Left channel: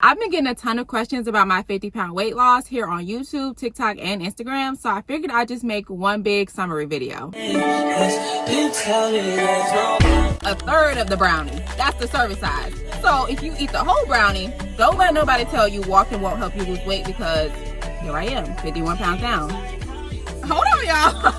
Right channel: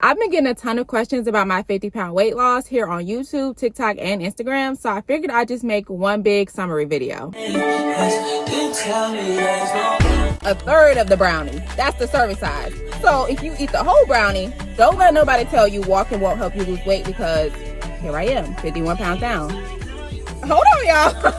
I've been getting a ton of questions about my 50-pound weight loss here on YouTube, TikTok, and Instagram, so I figured I'd just make one big summary video. A third of the brownie, that's the serving size. So if you eat the whole brownie, don't let nobody tell you walking won't help you lose weight, because here I am, 51 pounds down. Hold on, y'all.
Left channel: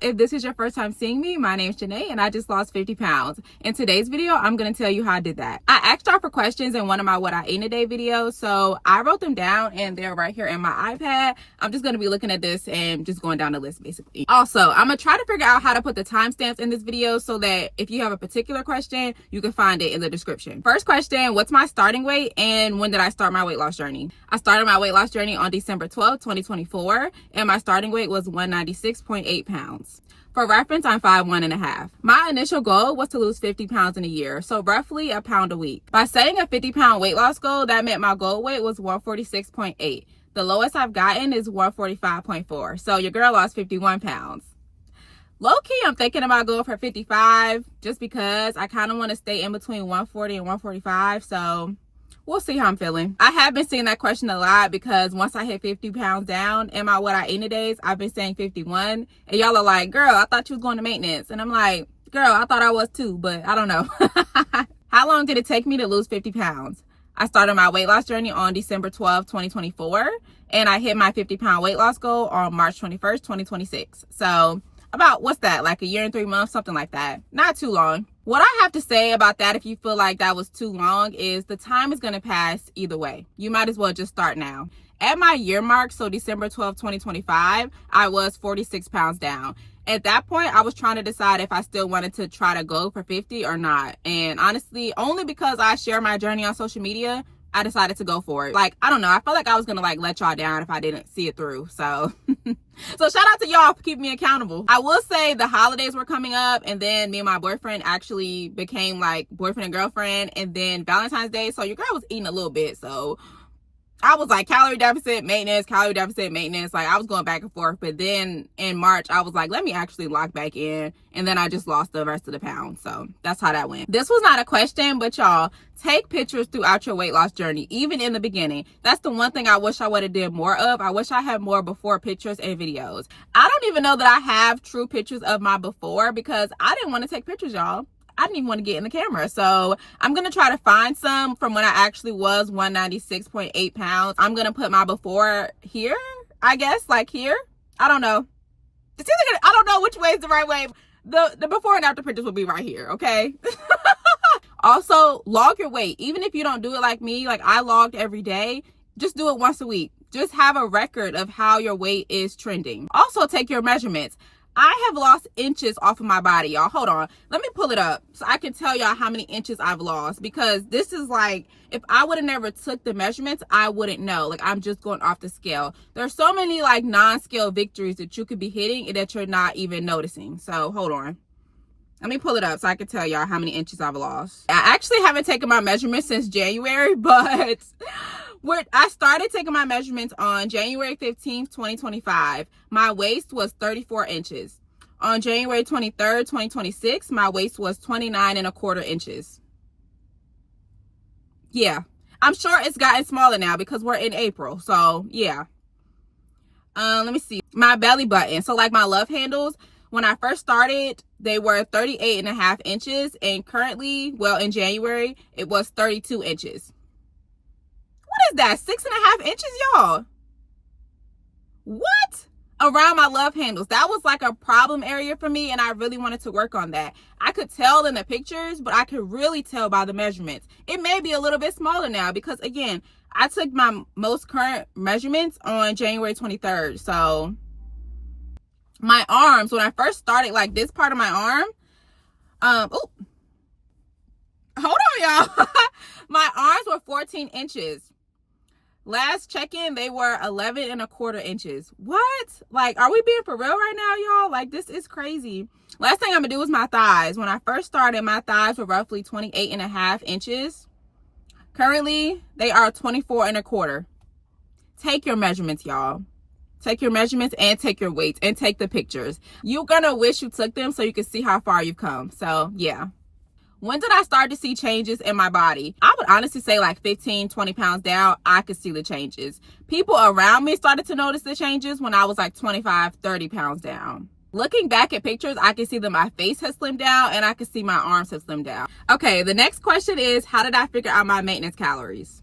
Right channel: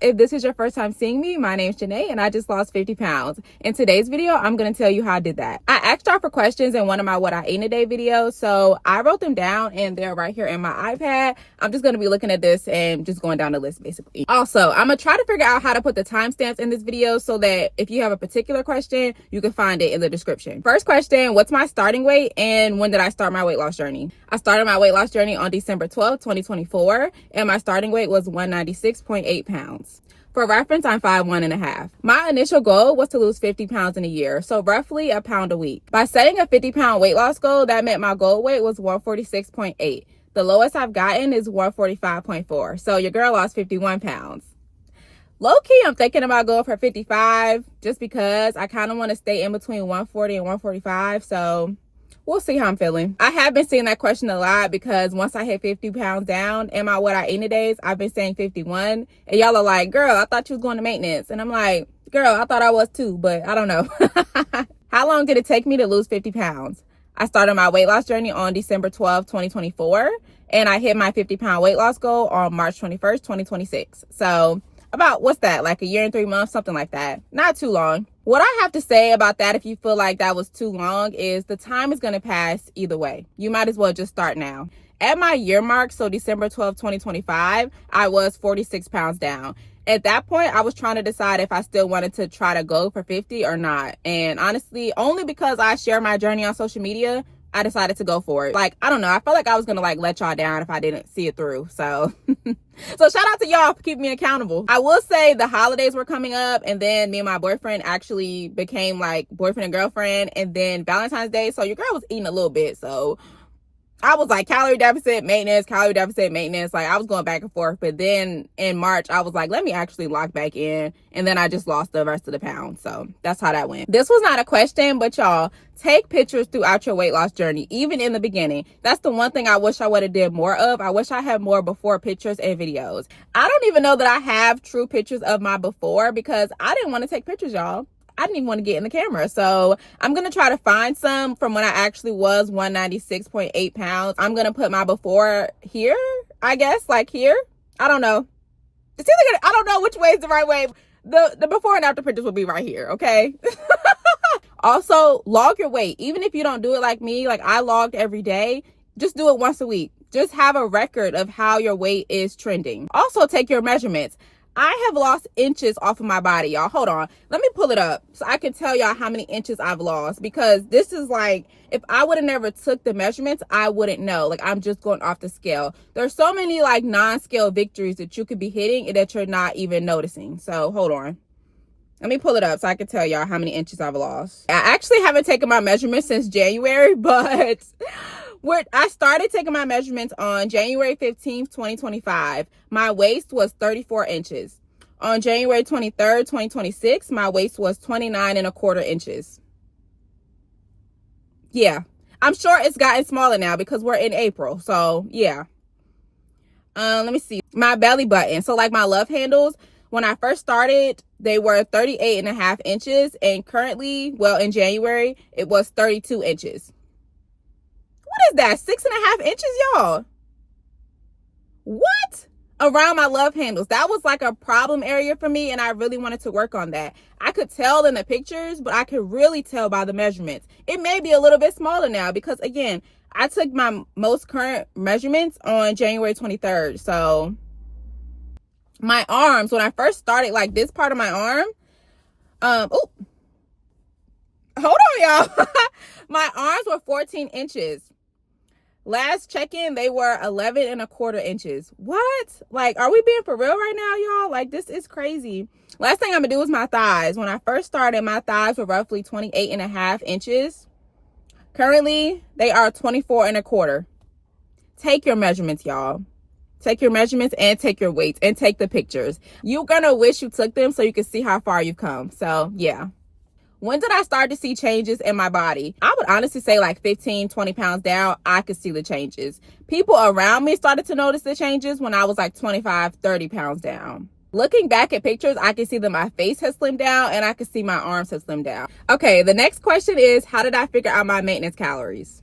If this is your first time seeing me, my name's Janae and I just lost 50 pounds. In today's video, I'm going to tell you how I did that. I asked y'all for questions in one of my What I Ate in a Day videos, so I wrote them down and they're right here in my iPad. I'm just going to be looking at this and just going down the list basically. Also, I'm going to try to figure out how to put the timestamps in this video so that if you have a particular question, you can find it in the description. First question, what's my starting weight and when did I start my weight loss journey? I started my weight loss journey on December 12th, 2024, and my starting weight was 196.8 pounds. For reference, I'm 5'1.5". My initial goal was to lose 50 pounds in a year, so roughly a pound a week. By setting a 50-pound weight loss goal, that meant my goal weight was 146.8. The lowest I've gotten is 145.4, so your girl lost 51 pounds. Low-key, I'm thinking about going for 55 just because I kind of want to stay in between 140 and 145, so we'll see how I'm feeling. I have been seeing that question a lot because once I hit 50 pounds down in my What I Ate in a Days, I've been saying 51. And y'all are like, girl, I thought you was going to maintenance. And I'm like, girl, I thought I was too, but I don't know. How long did it take me to lose 50 pounds? I started my weight loss journey on December 12th, 2024. And I hit my 50-pound weight loss goal on March 21st, 2026. So about, what's that, like a year and 3 months, something like that. Not too long. What I have to say about that, if you feel like that was too long, is the time is going to pass either way. You might as well just start now. At my year mark, so December 12th, 2025, I was 46 pounds down. At that point, I was trying to decide if I still wanted to try to go for 50 or not. And honestly, only because I share my journey on social media, I decided to go for it. Like, I don't know. I felt like I was going to like let y'all down if I didn't see it through. So, so shout out to y'all for keeping me accountable. I will say the holidays were coming up and then me and my boyfriend actually became like boyfriend and girlfriend, and then Valentine's Day. So your girl was eating a little bit. So I was like calorie deficit, maintenance, calorie deficit, maintenance. Like I was going back and forth. But then in March, I was like, let me actually lock back in. And then I just lost the rest of the pounds. So that's how that went. This was not a question, but y'all, take pictures throughout your weight loss journey, even in the beginning. That's the one thing I wish I would have did more of. I wish I had more before pictures and videos. I don't even know that I have true pictures of my before because I didn't want to take pictures, y'all. I didn't even want to get in the camera. So I'm going to try to find some from when I actually was 196.8 pounds. I'm going to put my before here, I guess, like here. I don't know. It's either gonna, I don't know which way is the right way. The before and after pictures will be right here, okay? Also, log your weight. Even if you don't do it like me, like I logged every day, just do it once a week. Just have a record of how your weight is trending. Also, take your measurements. I have lost inches off of my body, y'all. Hold on. Let me pull it up so I can tell y'all how many inches I've lost, because this is like, if I would have never took the measurements, I wouldn't know. Like, I'm just going off the scale. There's so many like non-scale victories that you could be hitting and that you're not even noticing. So hold on. Let me pull it up so I can tell y'all how many inches I've lost. I actually haven't taken my measurements since January, but I started taking my measurements on January 15th, 2025. My waist was 34 inches. On January 23rd, 2026, my waist was 29.25 inches. Yeah, I'm sure it's gotten smaller now because we're in April. So yeah. Let me see. My belly button. So like my love handles, when I first started, they were 38.5 inches. And currently, well, in January, it was 32 inches. What is that? 6.5 inches, y'all? What? Around my love handles. That was like a problem area for me, and I really wanted to work on that. I could tell in the pictures, but I could really tell by the measurements. It may be a little bit smaller now because, again, I took my most current measurements on January 23rd. So my arms, when I first started, like this part of my arm, oh, hold on, y'all. My arms were 14 inches. Last check-in, they were 11.25 inches. What? Like, are we being for real right now, y'all? Like, this is crazy. Last thing I'm gonna do is my thighs. When I first started, my thighs were roughly 28.5 inches. Currently, they are 24.25. Take your measurements, y'all. Take your measurements and take your weights and take the pictures. You're gonna wish you took them so you can see how far you've come. So yeah. When did I start to see changes in my body? I would honestly say like 15, 20 pounds down, I could see the changes. People around me started to notice the changes when I was like 25, 30 pounds down. Looking back at pictures, I can see that my face has slimmed down and I can see my arms have slimmed down. Okay, the next question is, how did I figure out my maintenance calories?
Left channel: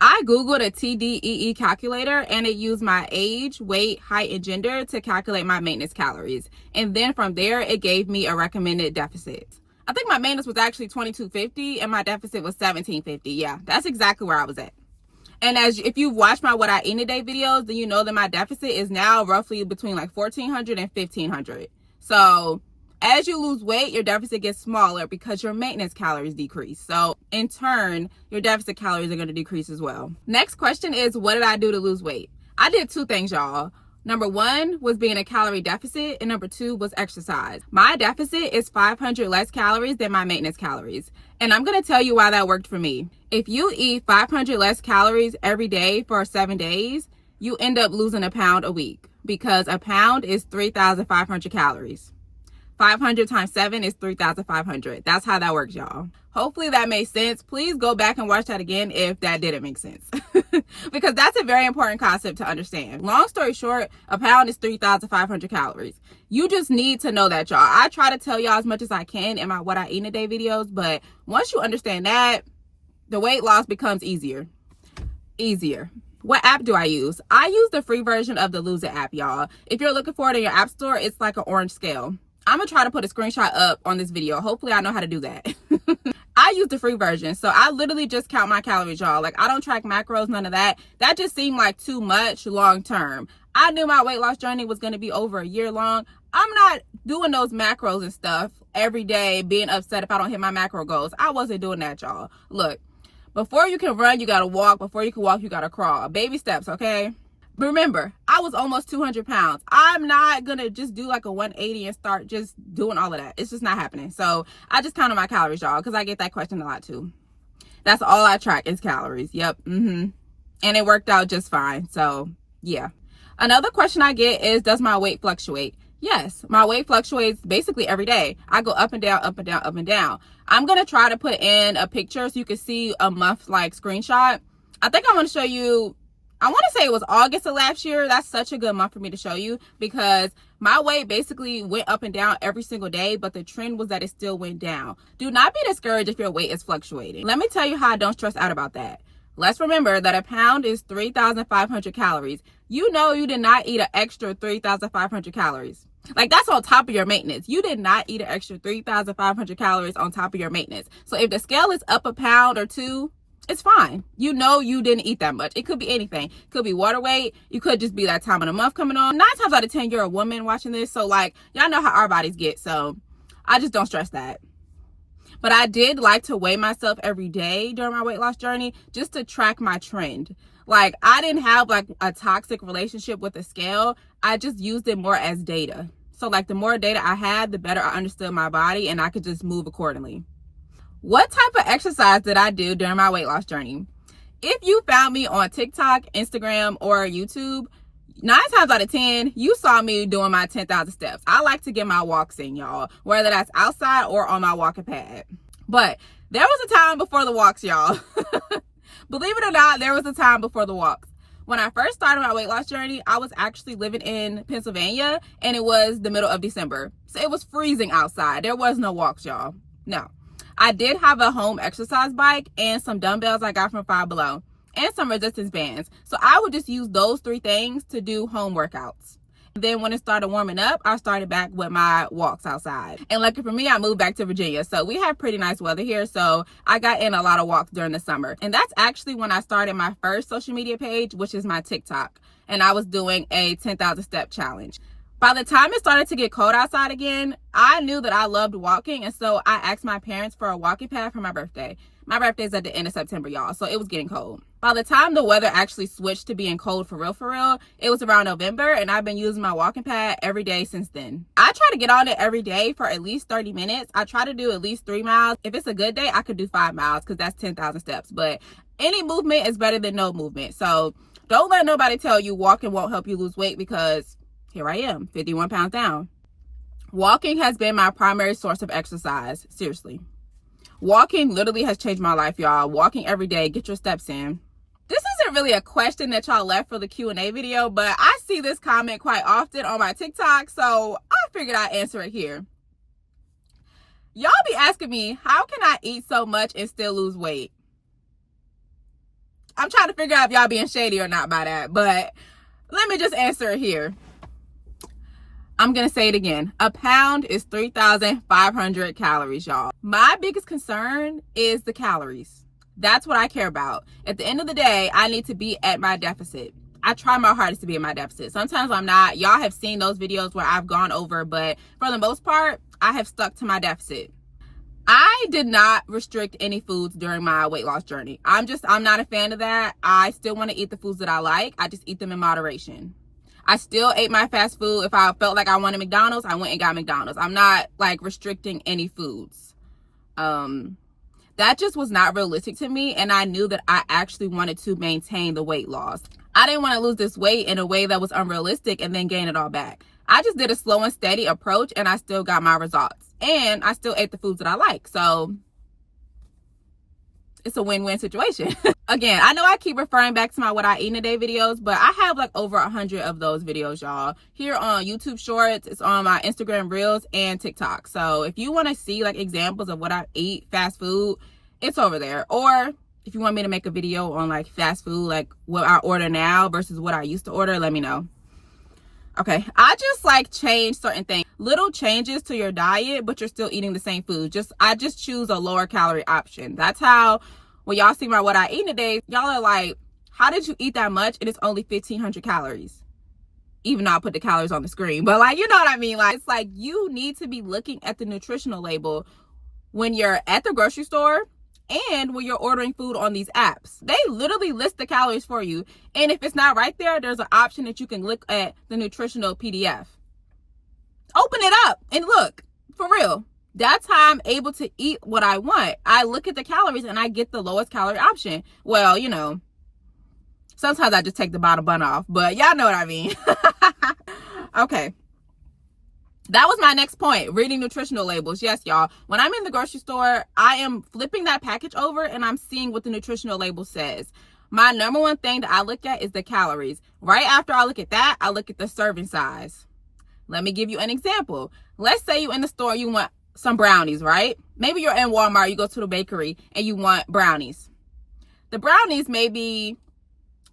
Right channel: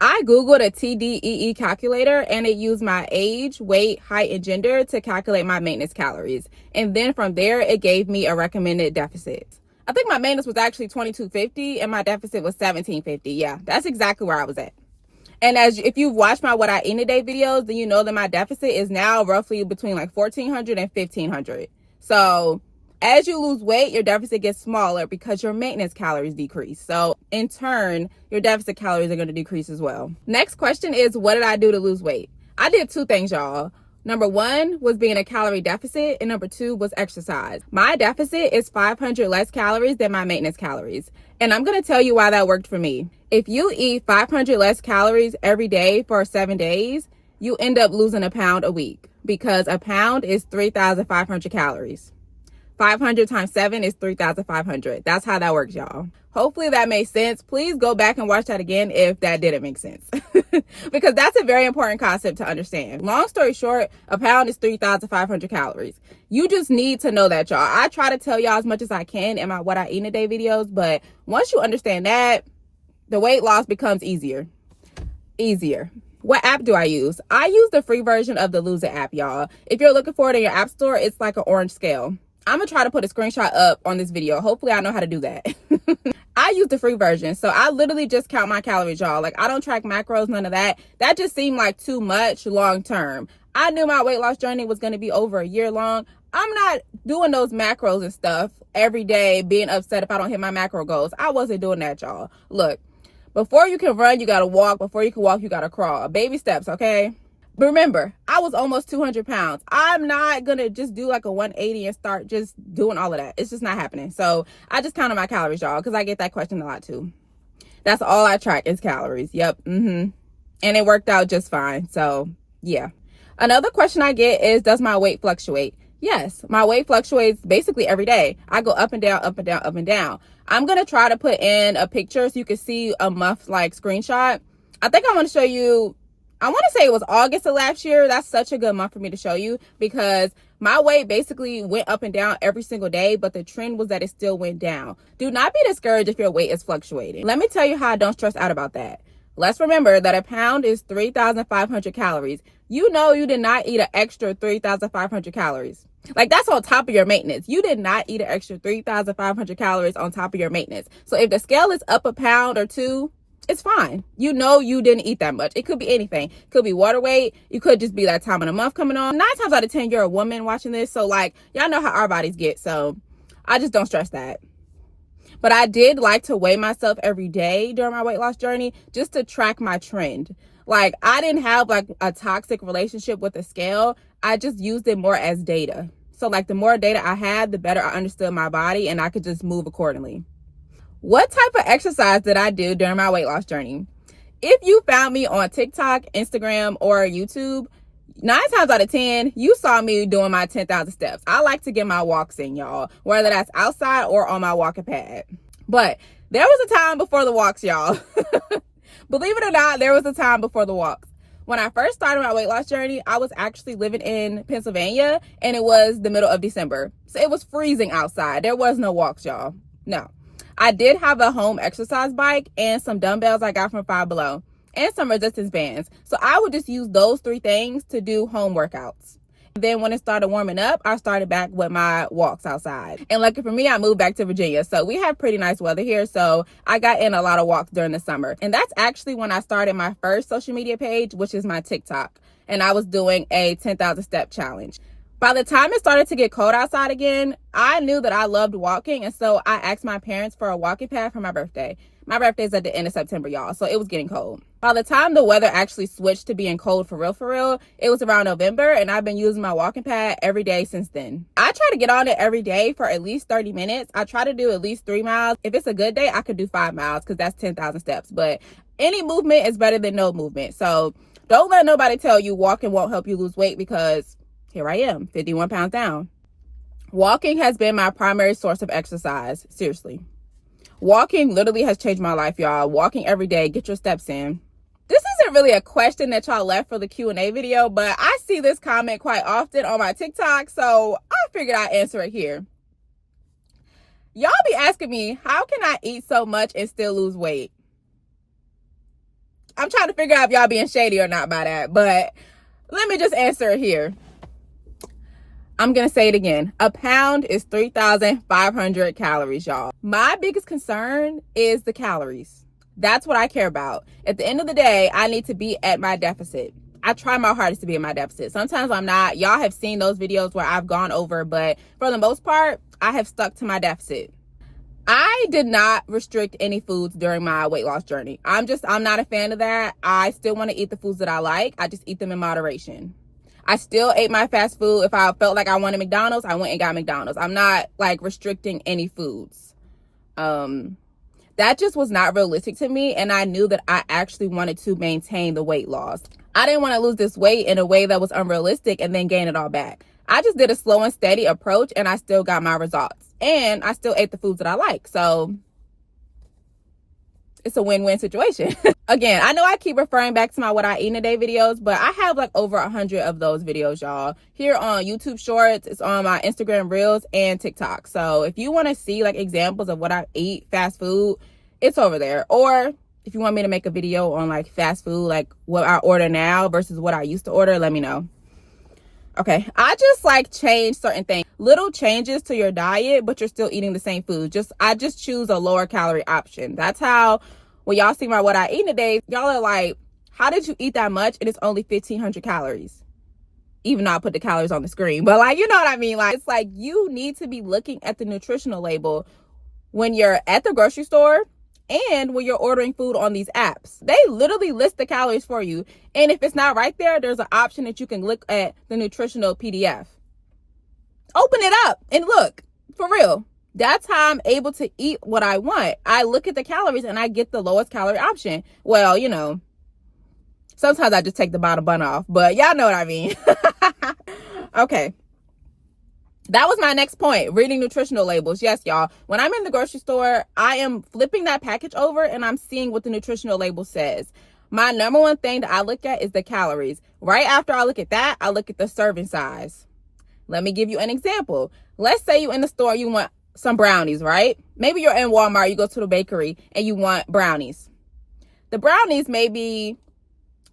I Googled a TDEE calculator and it used my age, weight, height, and gender to calculate my maintenance calories. And then from there, it gave me a recommended deficit. I think my maintenance was actually 2250 and my deficit was 1750. Yeah, that's exactly where I was at. And if you've watched my What I Eat in a Day videos, then you know that my deficit is now roughly between like 1400 and 1500. So as you lose weight, your deficit gets smaller because your maintenance calories decrease. So in turn, your deficit calories are going to decrease as well. Next question is, what did I do to lose weight? I did two things, y'all. Number one was being a calorie deficit, and number two was exercise. My deficit is 500 less calories than my maintenance calories. And I'm going to tell you why that worked for me. If you eat 500 less calories every day for 7 days, you end up losing a pound a week because a pound is 3,500 calories. 500 times 7 is 3,500. That's how that works, y'all. Hopefully that made sense. Please go back and watch that again if that didn't make sense. Because that's a very important concept to understand. Long story short, a pound is 3,500 calories. You just need to know that, y'all. I try to tell y'all as much as I can in my What I Eat in a Day videos, but once you understand that, the weight loss becomes easier. What app do I use? I use the free version of the Lose It app, y'all. If you're looking for it in your app store, it's like an orange scale. I'm gonna try to put a screenshot up on this video. Hopefully I know how to do that. I use the free version. So I literally just count my calories, y'all. Like, I don't track macros, none of that. That just seemed like too much long term. I knew my weight loss journey was going to be over a year long. I'm not doing those macros and stuff every day, being upset if I don't hit my macro goals. I wasn't doing that, y'all. Look, before you can run, you got to walk. Before you can walk, you got to crawl. Baby steps, okay? But remember, I was almost 200 pounds. I'm not going to just do like a 180 and start just doing all of that. It's just not happening. So I just counted my calories, y'all, because I get that question a lot too. That's all I track is calories. Yep. And it worked out just fine. So yeah. Another question I get is, does my weight fluctuate? Yes, my weight fluctuates basically every day. I go up and down, up and down, up and down. I'm going to try to put in a picture so you can see a month like screenshot. I think I want to show you, I want to say it was August of last year. That's such a good month for me to show you because my weight basically went up and down every single day, but the trend was that it still went down. Do not be discouraged if your weight is fluctuating. Let me tell you how I don't stress out about that. Let's remember that a pound is 3,500 calories. You know you did not eat an extra 3,500 calories. Like, that's on top of your maintenance. You did not eat an extra 3,500 calories on top of your maintenance. So if the scale is up a pound or two, it's fine. You know you didn't eat that much. It could be anything. It could be water weight. You could just be that time of the month coming on. 9 times out of 10, you're a woman watching this. So, like, y'all know how our bodies get. So I just don't stress that. But I did like to weigh myself every day during my weight loss journey just to track my trend. Like, I didn't have like a toxic relationship with the scale. I just used it more as data. So like, the more data I had, the better I understood my body and I could just move accordingly. What type of exercise did I do during my weight loss journey? If you found me on TikTok, Instagram, or YouTube, 9 times out of 10, you saw me doing my 10,000 steps. I like to get my walks in, y'all, whether that's outside or on my walking pad. But there was a time before the walks, y'all. Believe it or not, there was a time before the walks. When I first started my weight loss journey, I was actually living in Pennsylvania and it was the middle of December. So it was freezing outside. There was no walks, y'all. No. I did have a home exercise bike and some dumbbells I got from Five Below and some resistance bands. So I would just use those 3 things to do home workouts. Then when it started warming up, I started back with my walks outside. And lucky for me, I moved back to Virginia. So we have pretty nice weather here. So I got in a lot of walks during the summer. And that's actually when I started my first social media page, which is my TikTok. And I was doing a 10,000 step challenge. By the time it started to get cold outside again, I knew that I loved walking. And so I asked my parents for a walking pad for my birthday. My birthday is at the end of September, y'all. So it was getting cold. By the time the weather actually switched to being cold for real, it was around November. And I've been using my walking pad every day since then. I try to get on it every day for at least 30 minutes. I try to do at least 3 miles. If it's a good day, I could do 5 miles because that's 10,000 steps. But any movement is better than no movement. So Don't let nobody tell you walking won't help you lose weight, because here I am, 51 pounds down. Walking has been my primary source of exercise. Seriously. Walking literally has changed my life, y'all. Walking every day, get your steps in. This isn't really a question that y'all left for the Q&A video, but I see this comment quite often on my TikTok, so I figured I'd answer it here. Y'all be asking me, how can I eat so much and still lose weight? I'm trying to figure out if y'all being shady or not by that, but let me just answer it here. I'm going to say it again. A pound is 3,500 calories, y'all. My biggest concern is the calories. That's what I care about. At the end of the day, I need to be at my deficit. I try my hardest to be in my deficit. Sometimes I'm not. Y'all have seen those videos where I've gone over, but for the most part, I have stuck to my deficit. I did not restrict any foods during my weight loss journey. I'm not a fan of that. I still want to eat the foods that I like. I just eat them in moderation. I still ate my fast food. If I felt like I wanted McDonald's, I went and got McDonald's. I'm not like restricting any foods. That just was not realistic to me. And I knew that I actually wanted to maintain the weight loss. I didn't want to lose this weight in a way that was unrealistic and then gain it all back. I just did a slow and steady approach, and I still got my results. And I still ate the foods that I like. So it's a win-win situation. Again, I know I keep referring back to my what I eat in a day videos, but I have like over 100 of those videos, y'all. Here on YouTube Shorts, it's on my Instagram Reels and TikTok. So if you want to see like examples of what I eat, fast food, it's over there. Or if you want me to make a video on like fast food, like what I order now versus what I used to order, let me know. Okay, I just like change certain things. Little changes to your diet, but you're still eating the same food. I just choose a lower calorie option. That's how, when y'all see my what I eat in a day, y'all are like, how did you eat that much? And it's only 1,500 calories. Even though I put the calories on the screen. But like, you know what I mean? Like, it's like you need to be looking at the nutritional label when you're at the grocery store and when you're ordering food on these apps. They literally list the calories for you. And if it's not right there, there's an option that you can look at the nutritional PDF. Open it up and look, for real. That's how I'm able to eat what I want. I look at the calories and I get the lowest calorie option. Well, you know, sometimes I just take the bottom bun off, but y'all know what I mean. Okay. That was my next point, reading nutritional labels. Yes, y'all. When I'm in the grocery store, I am flipping that package over and I'm seeing what the nutritional label says. My number one thing that I look at is the calories. Right after I look at that, I look at the serving size. Let me give you an example. Let's say you're in the store, you want some brownies, right? Maybe you're in Walmart, you go to the bakery and you want brownies. The brownies may be,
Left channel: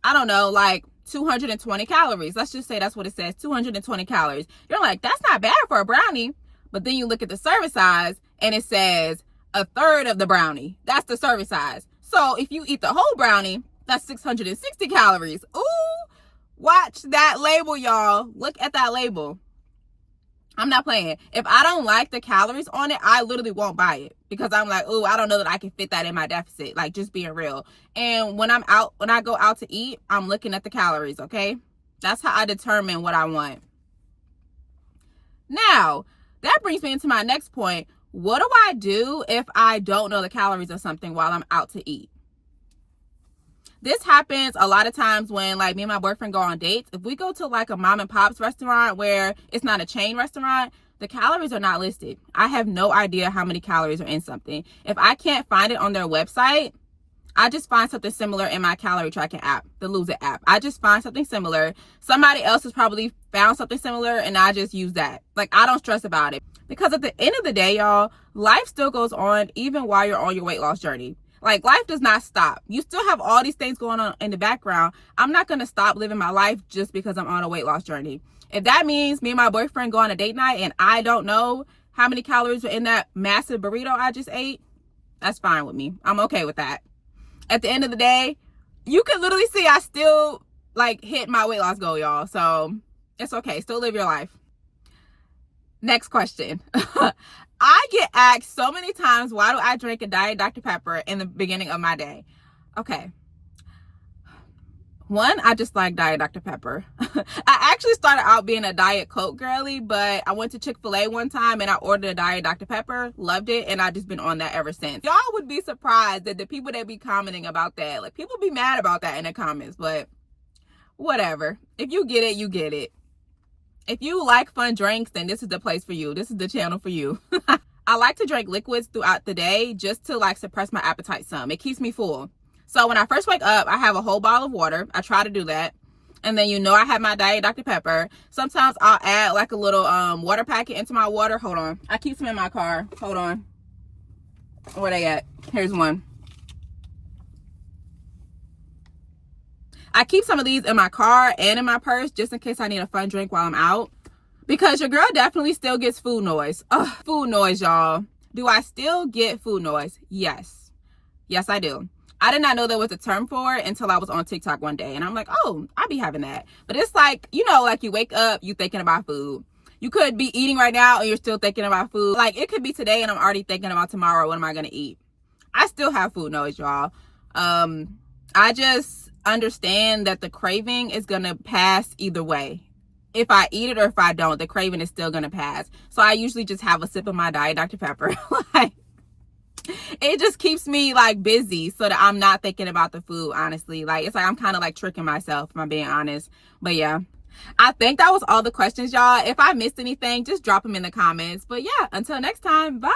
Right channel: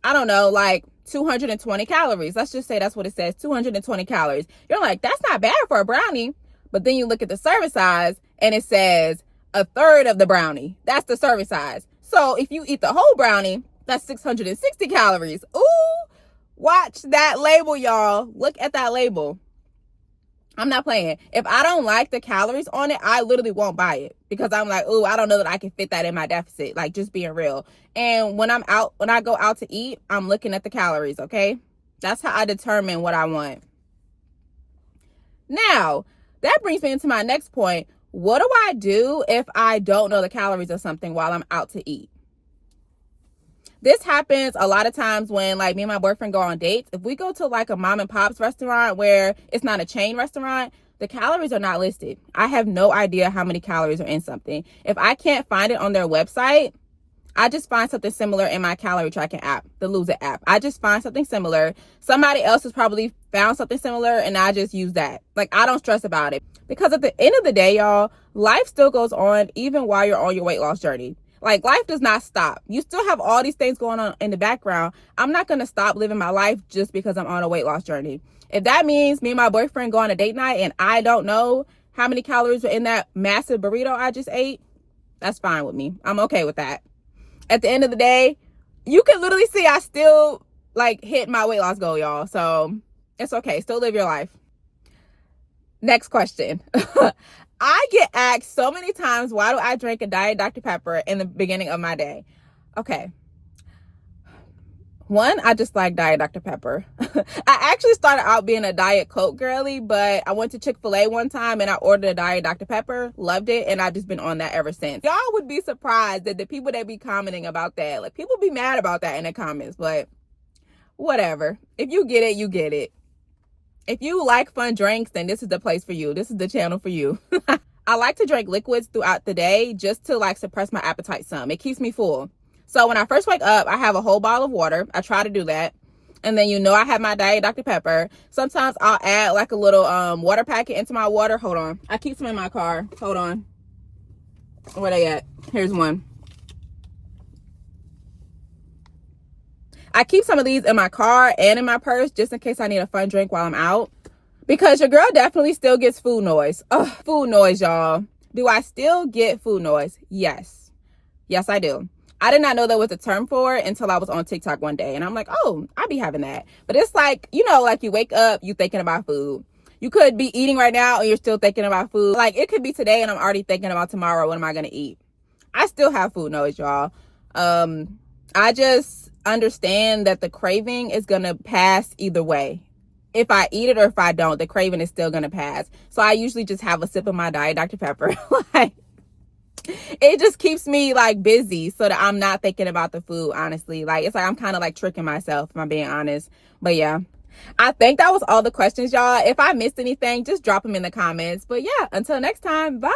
I don't know, like 220 calories. Let's just say that's what it says, 220 calories. You're like, that's not bad for a brownie. But then you look at the serving size and it says a third of the brownie. That's the serving size. So if you eat the whole brownie, that's 660 calories. Ooh, watch that label, y'all. Look at that label. I'm not playing. If I don't like the calories on it, I literally won't buy it because I'm like, ooh, I don't know that I can fit that in my deficit. Like, just being real. And when I go out to eat, I'm looking at the calories, okay? That's how I determine what I want. Now, that brings me into my next point. What do I do if I don't know the calories of something while I'm out to eat? This happens a lot of times when like me and my boyfriend go on dates. If we go to like a mom and pop's restaurant where it's not a chain restaurant, the calories are not listed. I have no idea how many calories are in something. If I can't find it on their website, I just find something similar in my calorie tracking app, the Lose It app. I just find something similar. Somebody else has probably found something similar and I just use that. Like, I don't stress about it because at the end of the day, y'all, life still goes on even while you're on your weight loss journey. Like, life does not stop. You still have all these things going on in the background. I'm not going to stop living my life just because I'm on a weight loss journey. If that means me and my boyfriend go on a date night and I don't know how many calories are in that massive burrito I just ate, that's fine with me. I'm okay with that. At the end of the day, you can literally see I still like hit my weight loss goal, y'all. So it's okay. Still live your life. Next question. I get asked so many times, why do I drink a Diet Dr. Pepper in the beginning of my day? Okay. One, I just like Diet Dr. Pepper. I actually started out being a Diet Coke girly, but I went to Chick-fil-A one time and I ordered a Diet Dr. Pepper, loved it, and I've just been on that ever since. Y'all would be surprised that the people that be commenting about that, like, people be mad about that in the comments, but whatever. If you get it, you get it. If you like fun drinks, then this is the place for you. This is the channel for you. I like to drink liquids throughout the day just to like suppress my appetite some. It keeps me full. So when I first wake up, I have a whole bottle of water. I try to do that. And then, you know, I have my Diet Dr. Pepper. Sometimes I'll add like a little water packet into my water. Hold on. I keep some in my car. Hold on. Where they at? Here's one. I keep some of these in my car and in my purse just in case I need a fun drink while I'm out. Because your girl definitely still gets food noise. Ugh, food noise, y'all. Do I still get food noise? Yes. Yes, I do. I did not know there was a term for it until I was on TikTok one day. And I'm like, oh, I be having that. But it's like, you know, like you wake up, you thinking about food. You could be eating right now and you're still thinking about food. Like it could be today and I'm already thinking about tomorrow. What am I going to eat? I still have food noise, y'all. I just understand that the craving is going to pass either way. If I eat it or if I don't, the craving is still going to pass. So I usually just have a sip of my Diet Dr. Pepper. Like, it just keeps me like busy so that I'm not thinking about the food, honestly. Like, it's like I'm kind of like tricking myself, if I'm being honest. But yeah, I think that was all the questions, y'all. If I missed anything, just drop them in the comments. But yeah, until next time, bye.